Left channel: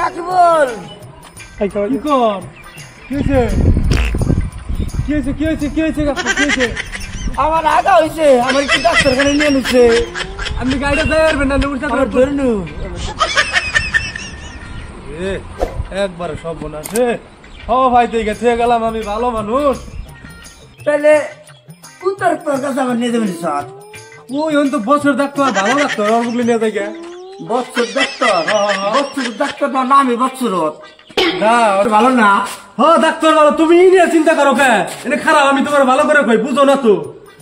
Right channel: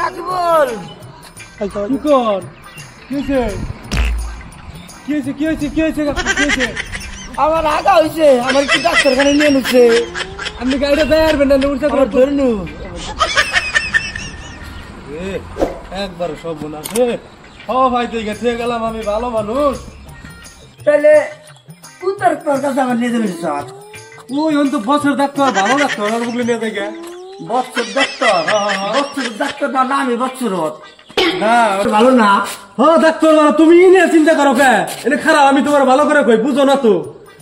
রাকিবুল আমার আগা হয়েছে, আমার কি ডাক্তারখানে নিয়ে নিচ্ছে। আপনি গাড়িটা যাইবেন না, ধরে নু একবারে সব মনে আছে। ভাই তুই গেছে গেলাম, আমি ভালো মানুষ। তাহলে তোর কাছে আমার নিয়ে যাবেন স্যার? ওই তো বছর ডাক্তার, ভালো ডাক্তার, আর বুঝলি নিয়ে যাই বছর ডাক্তার। বছর ডাক্তার না, আমি বছর না ভালো না। হ্যাঁ ডাক্তার ভালো, তুমি নিয়ে চিন্তা করো কেন? এনে খারাপ, আমি তোমার ভালো করে কই, বুঝো না তো?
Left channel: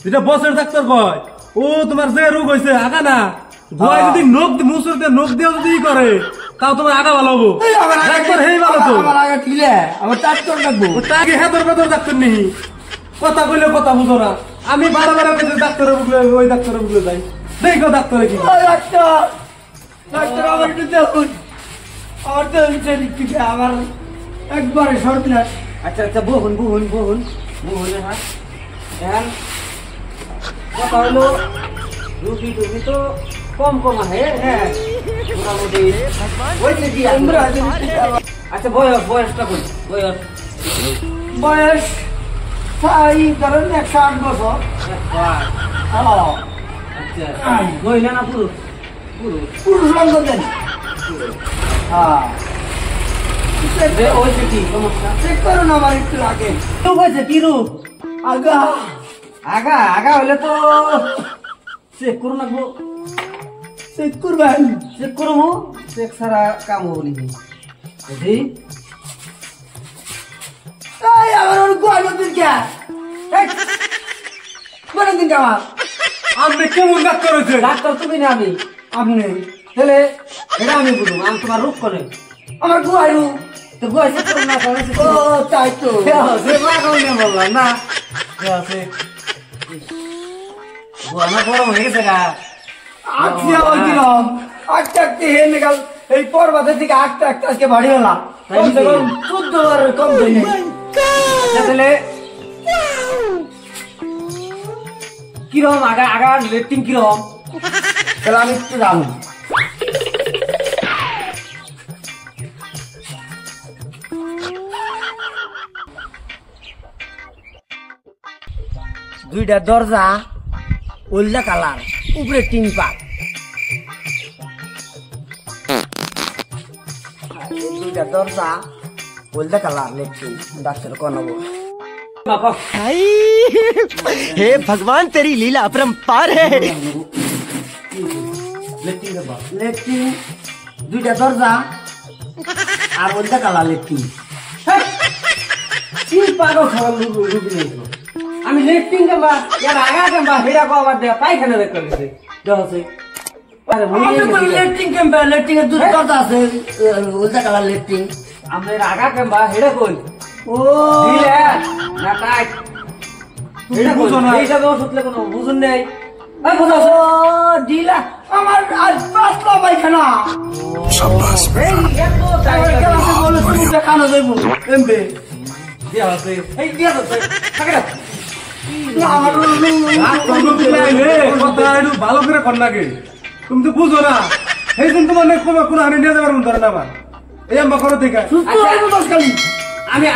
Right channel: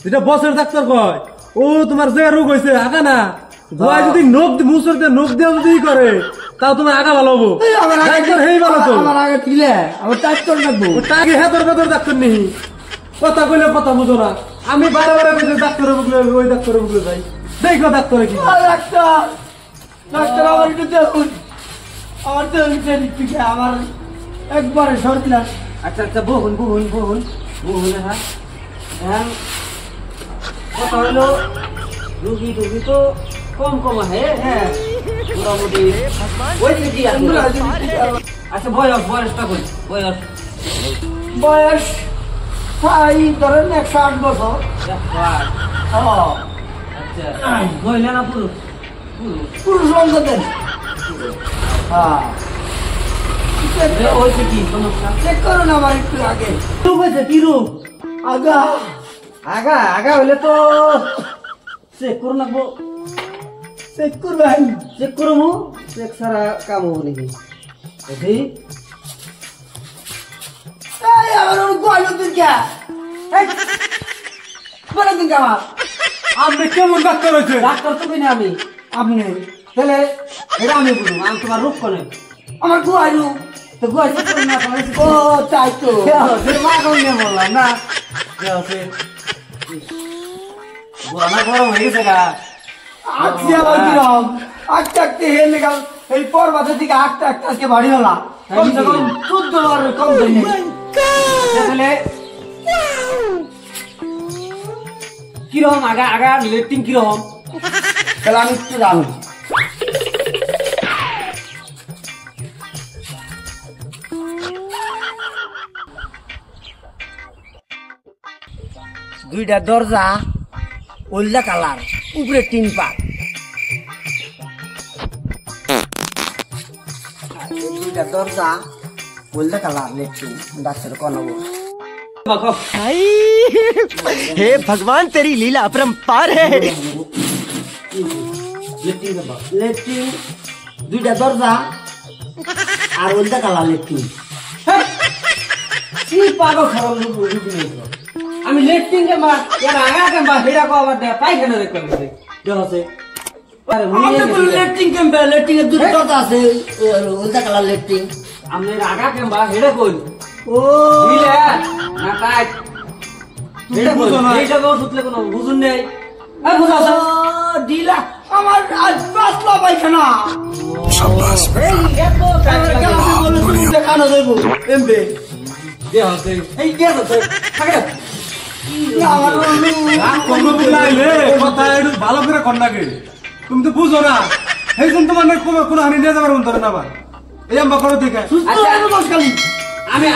এটা বছর ডাক্তার কয়। ও তোমার যে রোগ হয়েছে আগা না, ভয় যদি নখ মুসর দিয়ে নখ দিয়ে যদি করে, তাও তোমার আগা ভালো হবো। ডাক্তার হেই ভালো তো, আমার আগা দিলে আমার ডাক্তার ডাকবো। তাকে হেতর ভেতর ডাক্তার নেই, কথা কইলে কথা বুঝো না। আমি বারবার ডাক্তারের বুকলে, ওই ডাক্তারের বুকলে যাই, দেখো ডাক্তারে কি। ডাক্তার ডাক্তার আমার একটু দেখুন, আমার তো আমার একবারে সর্বনাশ। আচ্ছা আচ্ছা, বহুন বহুন বহুন বহুন। হ্যাঁ কথা হলো, রুগী টুগি তো কম কম আছে। হ্যাঁ মোটামুটি। আচ্ছা বয়স, বয়সটা কই? বয়স বয়স ধরেন 108 বছর। আচ্ছা মহিলা না পুরুষ? পুরুষ রঙ দেন। কি সমস্যা চেক করুন আমার একটু আগে। রূপ হয়েছে কি রূপ? আগা আগা আগা হইলে তো চেক করুন লাগবো। চেক করবেন? চেক করবো, চেক ছাড়া কাম হবো নাকি? আমার আপনি কেমন ডাক্তার হয়েছে? ডাক্তার তুমি না আমি, আপনি। তাহলে এটা আমি বুঝুন, আমি তোমার রোগ করে আমার গুয়াইরু তো গুয়াই না। ও তাই তো বললাম না, আমার গরম হয়ে গেছে গা। আজকে আবার কিরম আঁকতে আঁকতে হেনে গেল, এই পর্বতের দিকে আঁকতে আঁকতে আজকে বাড়ি হলাম। 14 বার কম তাহলে কিরকম আগা আগা লেট্রিন কিরকম? তাহলে আমি একটু জানি। দুইটা দরজা, ওল্ডা কালার, উপরে 3 পাত। দুইটা দরজা, ওল্ডা কালার, লেট্রিন। ডাক্তার কোন हे भगवान तेरी लीला अपरंपार है। লেট্রিন, দুইটা দরজা আর ওল্ডা কালার লেট্রিন। কি পাগল খারাপ আমি লেট্রিন কেমবা এর আগা কেমবা হেডা কো আবার দেখা পায়খানা দেখ করতেছে দেখছে। আরে মুই লেট্রিন কেমবা, লেট্রিন এর দুটো দরজা আছে, ওল্ডা কালার লেট্রিন। আমনের আগা কেমবা হেডা কই? ও দিলে না কাট হেডা বুঝো না, এইটা তো সুতলে কোনো বুঝুন নেই। এই বুঝাও দিলা আমার আজ পাঁচলা পায়খানা। শাবাশ বেটা, বহুত বড়িয়া কানো দেব এমবে দেয়া আছে। এই দেয়া আছে থাকে না আমার কোনো বুঝাইলে কথা একটু ভালো করে কর লাগে। তুমি তো বুঝো না, এই জন্য তোমার না কোন আমি নিয়ে যাবার মন ধরে না। আবার এই আম্বা করো থেকে আমি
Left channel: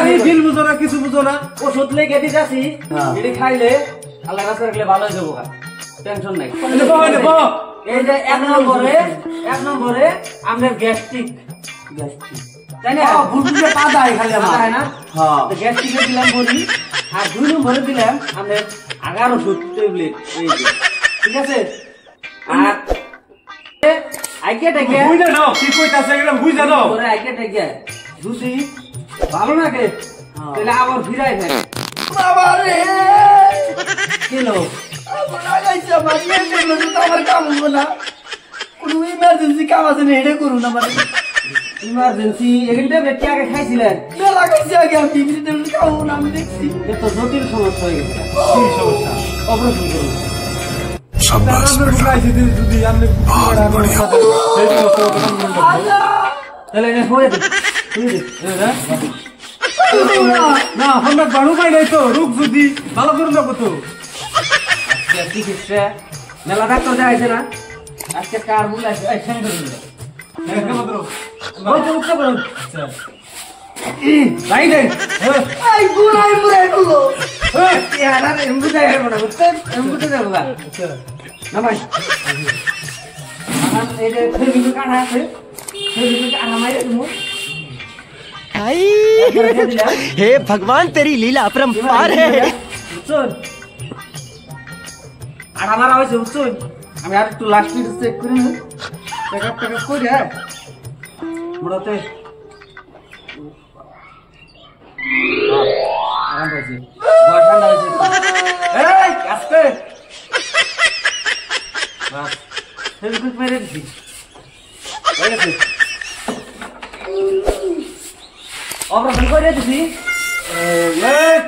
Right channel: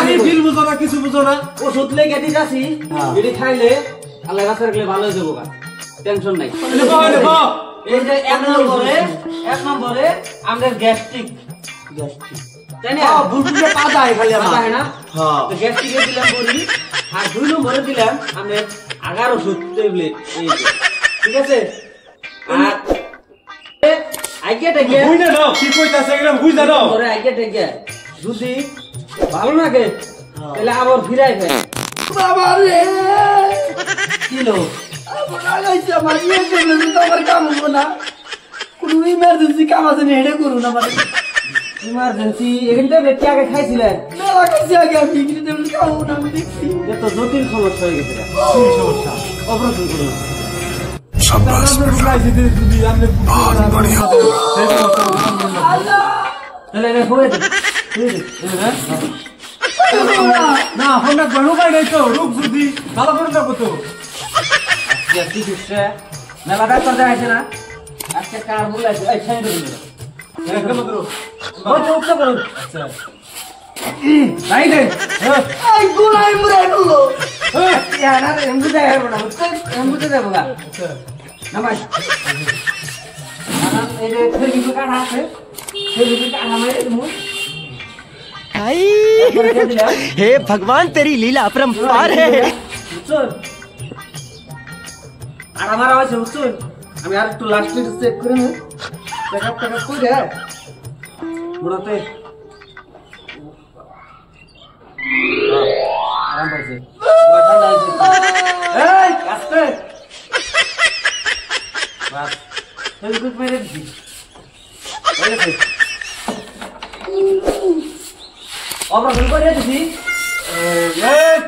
আমি দিল বুঝো না, কিছু বুঝো না। ওষুধ লেগে দিতেছি, এটি খাইলে আল্লাহ রাখতে রাখলে ভালো হয়ে যাবো, টেনশন নাই। এই যে এক নম্বরে আমাদের গ্যাস্ট্রিক তাই না? বুলবুলে পা যায় খালি আমার না। হ্যাঁ তো গ্যাস্ট্রিকে দিলাম বলি, আর 2 নম্বরে দিলাম আমাদের আগার ওষুধ ট্যাবলেট। ঠিক আছে? আর আইকে টাকে বুঝা দাও কি কইতাছে এগুলা বুঝা দাও। ওরে আইকে টাকে যদি ভালো লাগে তাহলে আবার ফিরাই ফেল। বাবা রে কি লো আমার লাগাইছে, আমার নিয়ে গেল তো আমার কাম হলো না। কোন ইমার্জেন্সি কাম আছে না, হেডে করুন আমার ইমার্জেন্সি। এখানটা বেটি আগে খাইছিলেন মেলা খাইছি আগে, আমি ইংরেজিতে কাম না। আমি দেখছি এত জটিল সমস্যা হয়ে গেছে। কি সমস্যা? অপারেশন করুন। शाबाश बेटा, बहुत बढ़िया। না আমরা বাড়ু পাই নাই তো, রূপ যদি ভালো করে নেবো তো। মেলা ডাক্তার যাইছে না, আজকে কার বুলাইছে এই ঠ্যাং ধরে নিল উঠতে করুন ভাই দেন এই বুলাই মরে গেল ইয়ার আর এমবুতে হেরব না এমবুতে দেব গা নামাই এই যে খেলি কাটা আছে খেলি কাটা মাইরে তুমি आई हे भगवान तेरी लीला अपरंपार है চল আড়া মারা হইছে চল আমি আর একটু লাস্ট মিনিট চেক করে নেব চেকআপ করে বুড়াতে আরাম পাইছে বড় ঠান্ডা হইছে এই আস্তে বাস হেভি কুইক মেরে দিছি ওই দেখো অপারেশন করে দিছি এই